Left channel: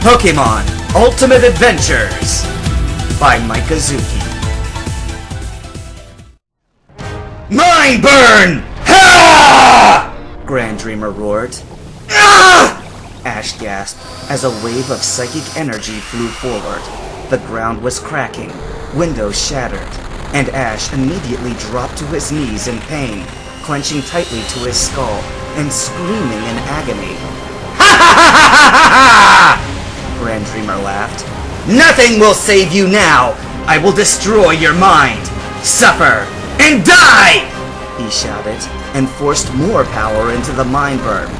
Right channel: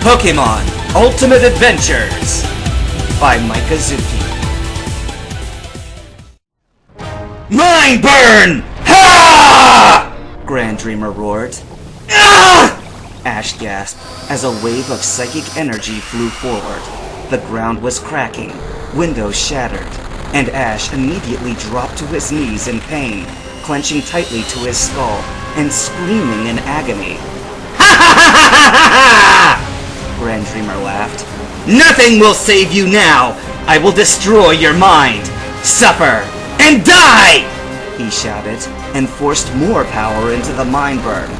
Pokemon Ultimate Adventures by Mikazuki. Mind burn! Ha! Grand Dreamer roared. Ah! Ash gasped as a wave of psychic energy flew forward. The ground was cracking, windows shattered, and Ash immediately dropped to his knees in pain, clenching tightly to his skull and screaming in agony. Ha ha ha ha ha ha! Grand Dreamer laughed. Nothing will save you now! I will destroy your mind! Suffer and die! He shouted, and forced more power into the mind burn.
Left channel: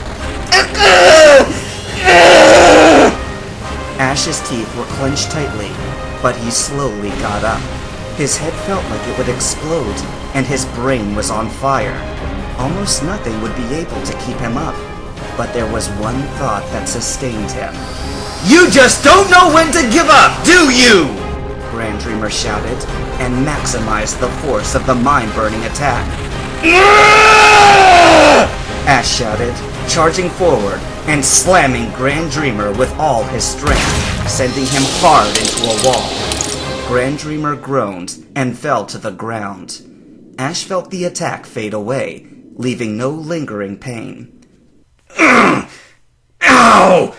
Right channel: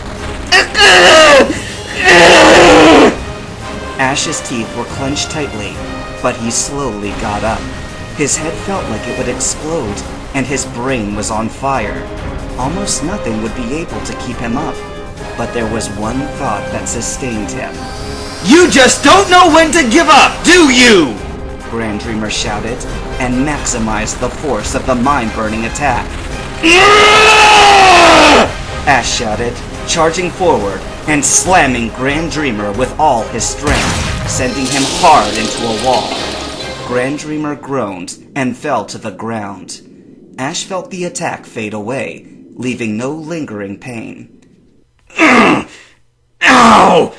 Ash's teeth were clenched tightly, but he slowly got up. His head felt like it would explode, and his brain was on fire. Almost nothing would be able to keep him up, but there was one thought that sustained him. You just don't know when to give up, do you? Grand Dreamer shouted, and maximized the force of the mind-burning attack. Ash shouted, charging forward and slamming Grand Dreamer with all his strength, sending him hard into a wall. Grand Dreamer groaned and fell to the ground. Ash felt the attack fade away, leaving no lingering pain. Ow!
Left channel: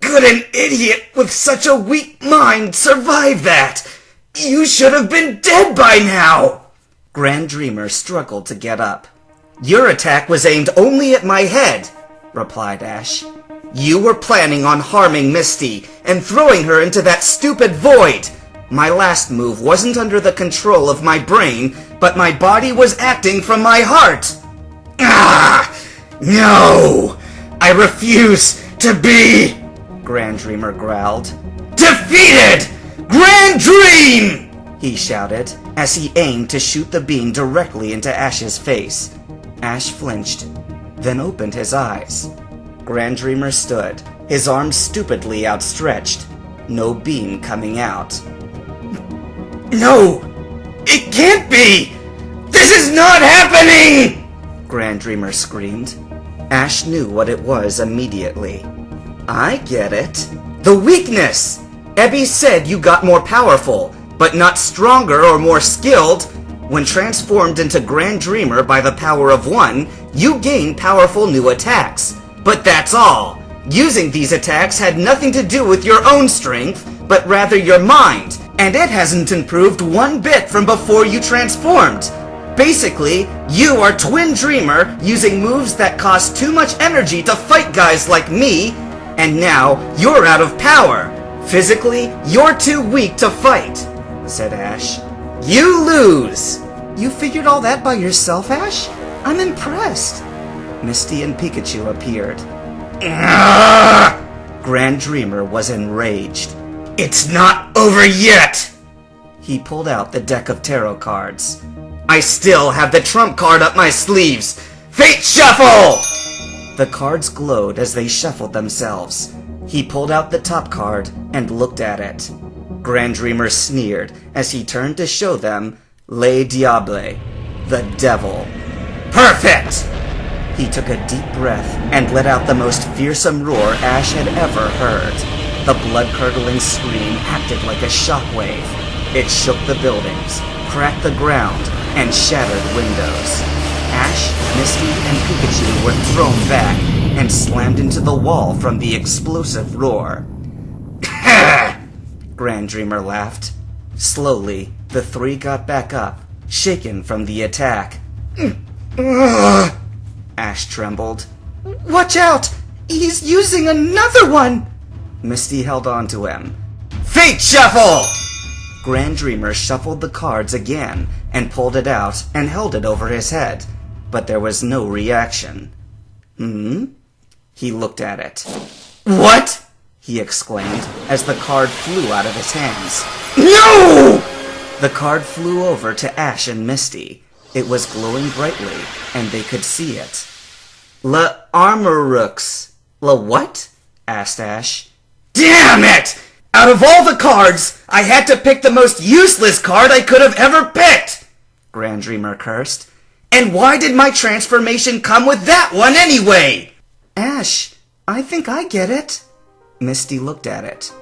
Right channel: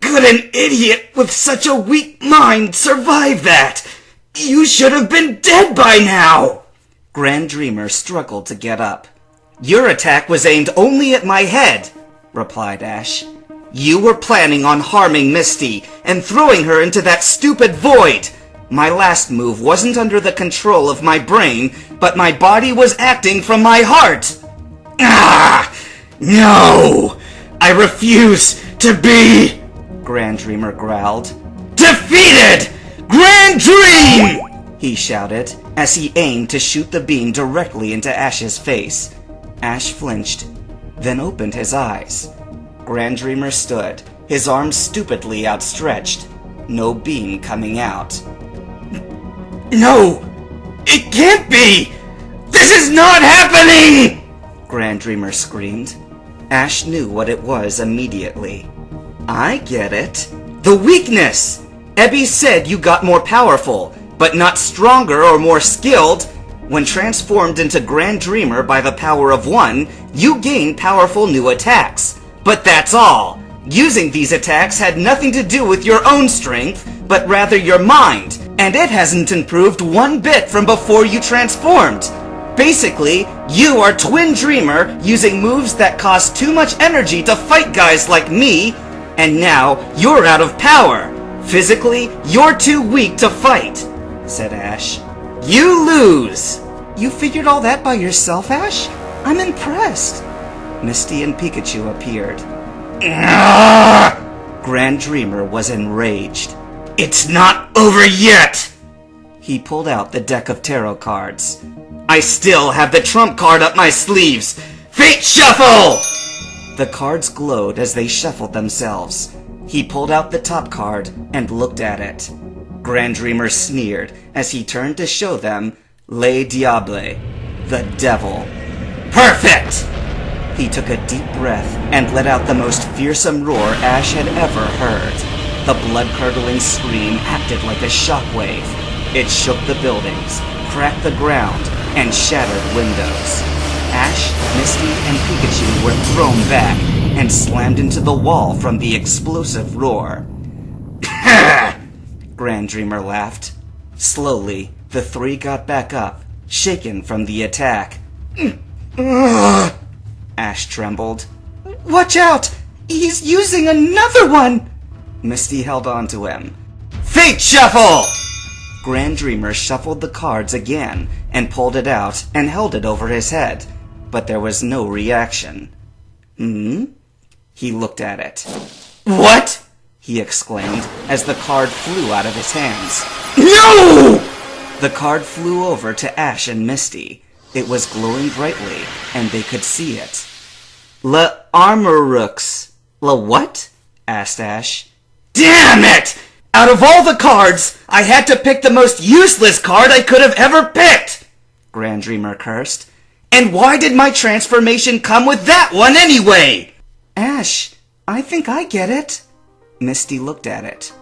Could an idiot with such a weak mind survive that? You should have been dead by now! Grand Dreamer struggled to get up. Your attack was aimed only at my head, replied Ash. You were planning on harming Misty and throwing her into that stupid void. My last move wasn't under the control of my brain, but my body was acting from my heart. Ah! No! I refuse to be... Grand Dreamer growled. Defeated! Grand Dream! He shouted, as he aimed to shoot the beam directly into Ash's face. Ash flinched, then opened his eyes. Grand Dreamer stood, his arms stupidly outstretched, no beam coming out. No! It can't be! This is not happening! Grand Dreamer screamed. Ash knew what it was immediately. I get it. The weakness! Ebby said you got more powerful, but not stronger or more skilled. When transformed into Grand Dreamer by the power of one, you gain powerful new attacks. But that's all. Using these attacks had nothing to do with your own strength, but rather your mind, and it hasn't improved one bit from before you transformed. Basically, you are Twin Dreamer using moves that cost too much energy to fight guys like me, and now you're out of power. Physically, you're too weak to fight, said Ash. You lose! You figured all that by yourself, Ash? I'm impressed. Misty and Pikachu appeared. Grand Dreamer was enraged. It's not over yet! He pulled out the deck of tarot cards. I still have the trump card up my sleeves! Fate Shuffle! The cards glowed as they shuffled themselves. He pulled out the top card and looked at it. Grand Dreamer sneered as he turned to show them Le Diable, the devil. Perfect! He took a deep breath and let out the most fearsome roar Ash had ever heard. The blood-curdling scream acted like a shockwave. It shook the buildings, cracked the ground, and shattered windows. Ash, Misty, and Pikachu were thrown back and slammed into the wall from the explosive roar. Grand Dreamer laughed. Slowly, the three got back up, shaken from the attack. Ash trembled. Watch out! He's using another one! Misty held on to him. Fate Shuffle! Grand Dreamer shuffled the cards again and pulled it out and held it over his head, but there was no reaction. He looked at it. What? He exclaimed as the card flew out of his hands. No! The card flew over to Ash and Misty. It was glowing brightly, and they could see it. AAAMRN. What? Asked Ash. Damn it! Out of all the cards, I had to pick the most useless card I could have ever picked! Grand Dreamer cursed. And why did my transformation come with that one anyway? Ash, I think I get it. Misty looked at it.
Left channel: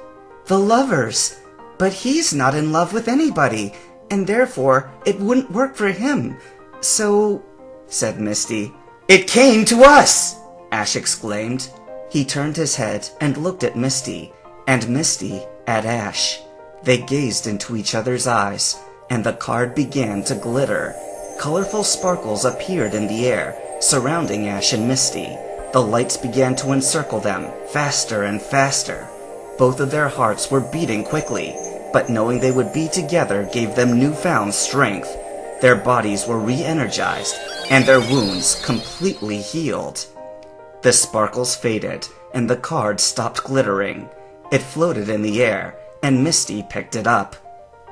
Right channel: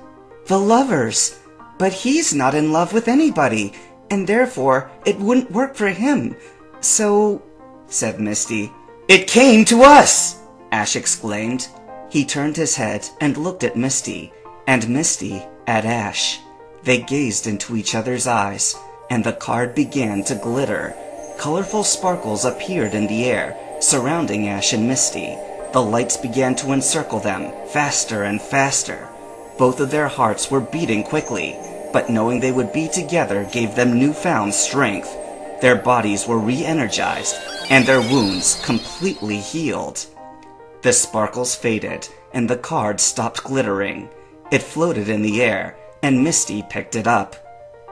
The lovers! But he's not in love with anybody, and therefore it wouldn't work for him. So, said Misty. It came to us! Ash exclaimed. He turned his head and looked at Misty, and Misty at Ash. They gazed into each other's eyes, and the card began to glitter. Colorful sparkles appeared in the air, surrounding Ash and Misty. The lights began to encircle them, faster and faster. Both of their hearts were beating quickly, but knowing they would be together gave them newfound strength. Their bodies were re-energized, and their wounds completely healed. The sparkles faded, and the card stopped glittering. It floated in the air, and Misty picked it up.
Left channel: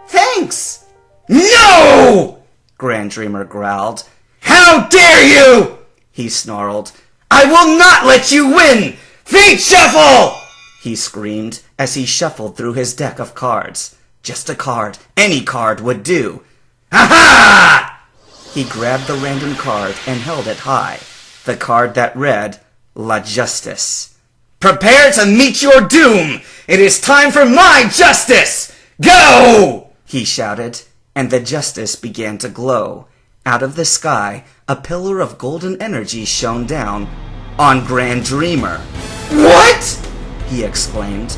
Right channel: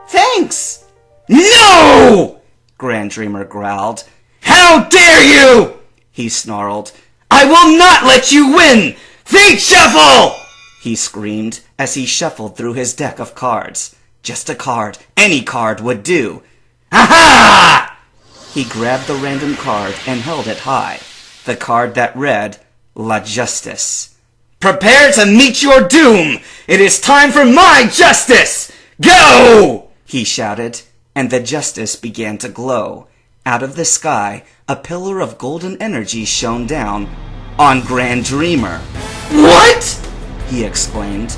Thanks! No! Grand Dreamer growled. How dare you! He snarled. I will not let you win! Fate Shuffle! He screamed as he shuffled through his deck of cards. Just a card, any card would do. Aha! He grabbed the random card and held it high. The card that read, La Justice. Prepare to meet your doom! It is time for my justice! Go! He shouted, and the justice began to glow. Out of the sky, a pillar of golden energy shone down on Grand Dreamer. What? He exclaimed.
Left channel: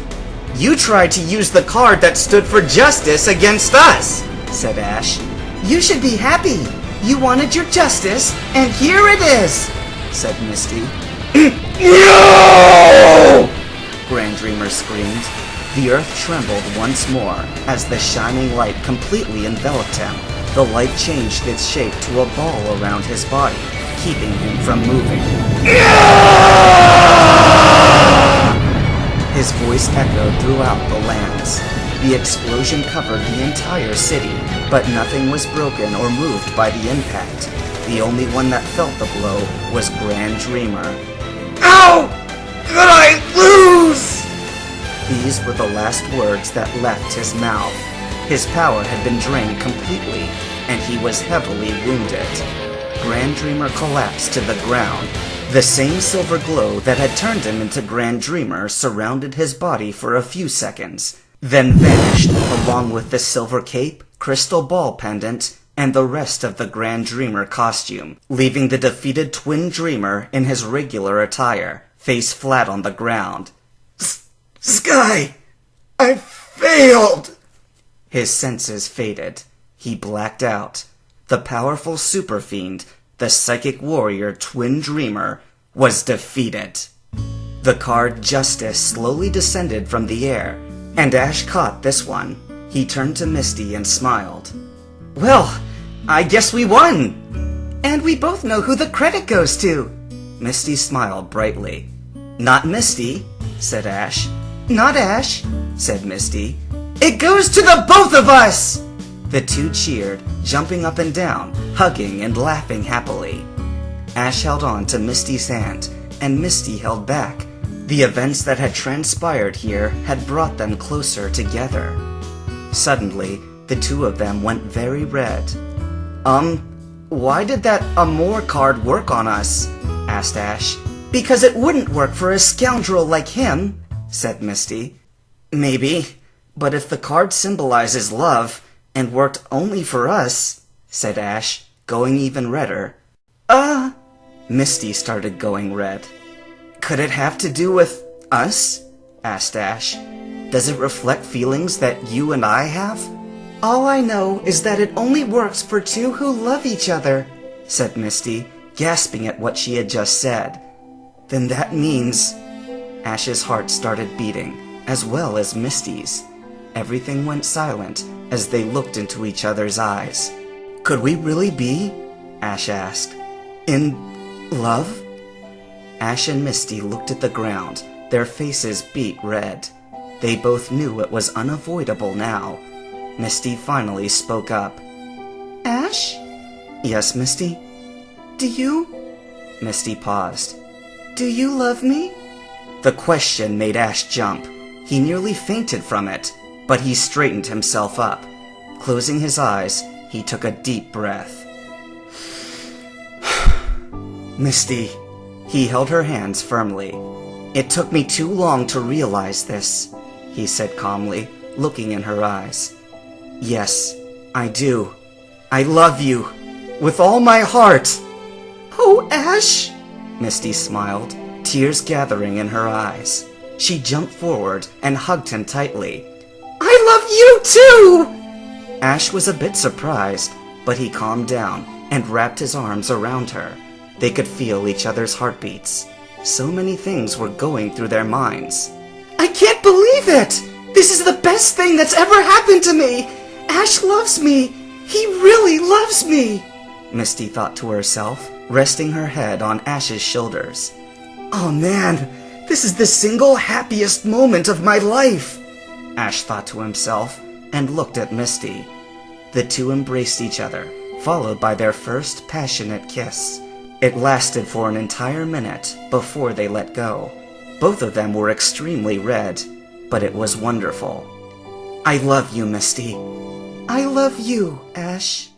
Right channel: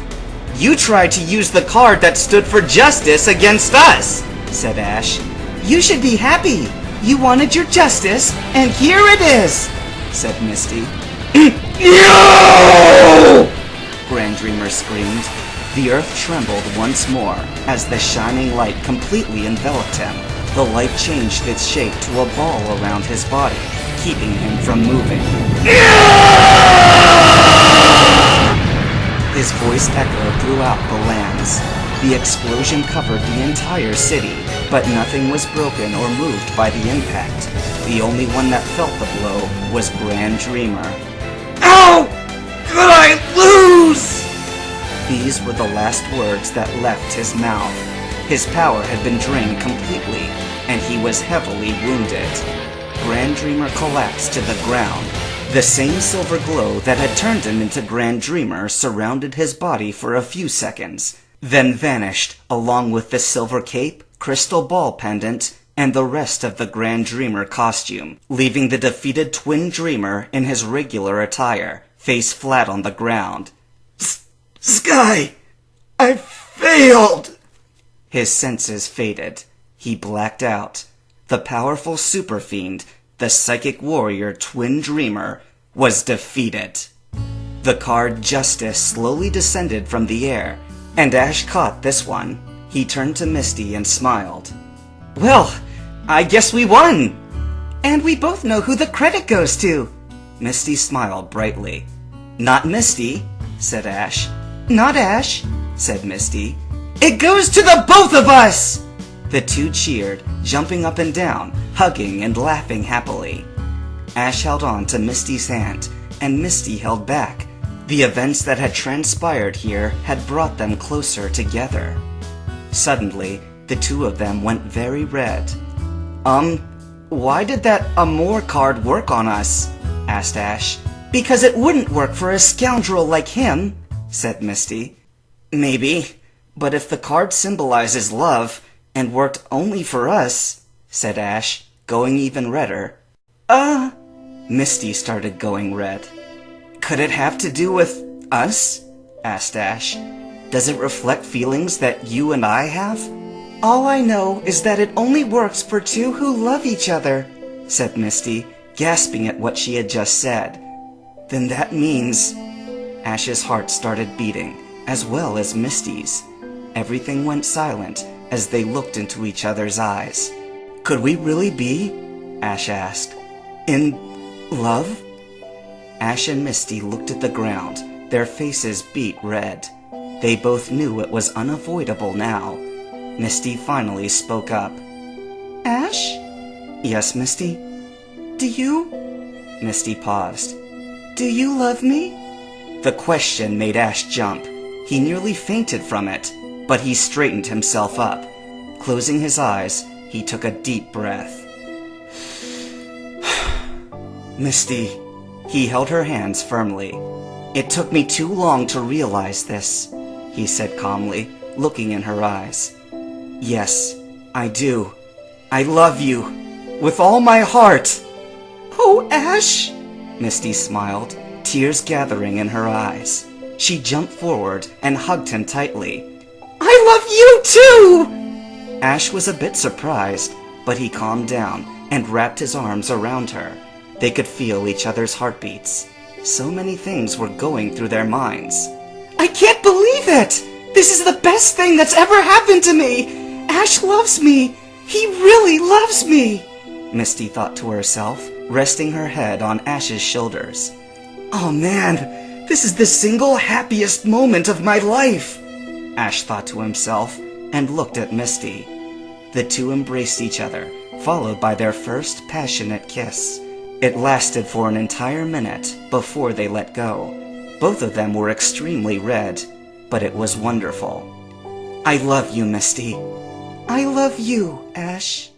You tried to use the card that stood for justice against us, said Ash. You should be happy. You wanted your justice, and here it is, said Misty. No! Grand Dreamer screamed. The earth trembled once more as the shining light completely enveloped him. The light changed its shape to a ball around his body, keeping him from moving. His voice echoed throughout the lands. The explosion covered the entire city, but nothing was broken or moved by the impact. The only one that felt the blow was Grand Dreamer. Ow! Could I lose? These were the last words that left his mouth. His power had been drained completely, and he was heavily wounded. Grand Dreamer collapsed to the ground. The same silver glow that had turned him into Grand Dreamer surrounded his body for a few seconds, then vanished along with the silver cape, crystal ball pendant, and the rest of the Grand Dreamer costume, leaving the defeated Twin Dreamer in his regular attire, face flat on the ground. Sky! I failed! His senses faded. He blacked out. The powerful super fiend, the psychic warrior Twin Dreamer, was defeated. The card Justice slowly descended from the air, and Ash caught this one. He turned to Misty and smiled. Well, I guess we won! And we both know who the credit goes to. Misty smiled brightly. Not Misty, said Ash. Not Ash, said Misty. It goes to the both of us! The two cheered, jumping up and down, hugging and laughing happily. Ash held on to Misty's hand, and Misty held back. The events that had transpired here had brought them closer together. Suddenly, the two of them went very red. Why did that Amor card work on us? Asked Ash. Because it wouldn't work for a scoundrel like him, said Misty. Maybe, but if the card symbolizes love and worked only for us, said Ash, going even redder. Misty started going red. Could it have to do with us? Asked Ash. Does it reflect feelings that you and I have? All I know is that it only works for two who love each other, said Misty, gasping at what she had just said. Then that means... Ash's heart started beating, as well as Misty's. Everything went silent as they looked into each other's eyes. Could we really be? Ash asked. In love? Ash and Misty looked at the ground. Their faces beat red. They both knew it was unavoidable now. Misty finally spoke up. Ash? Yes, Misty? Do you? Misty paused. Do you love me? The question made Ash jump. He nearly fainted from it, but he straightened himself up. Closing his eyes, he took a deep breath. Misty. He held her hands firmly. It took me too long to realize this, he said calmly, looking in her eyes. Yes, I do. I love you. With all my heart. Oh, Ash! Misty smiled, tears gathering in her eyes. She jumped forward and hugged him tightly. I love you too! Ash was a bit surprised, but he calmed down and wrapped his arms around her. They could feel each other's heartbeats. So many things were going through their minds. I can't believe it! This is the best thing that's ever happened to me! Ash loves me! He really loves me! Misty thought to herself, resting her head on Ash's shoulders. Oh man, this is the single happiest moment of my life! Ash thought to himself and looked at Misty. The two embraced each other, followed by their first passionate kiss. It lasted for an entire minute before they let go. Both of them were extremely red, but it was wonderful. I love you, Misty. I love you, Ash.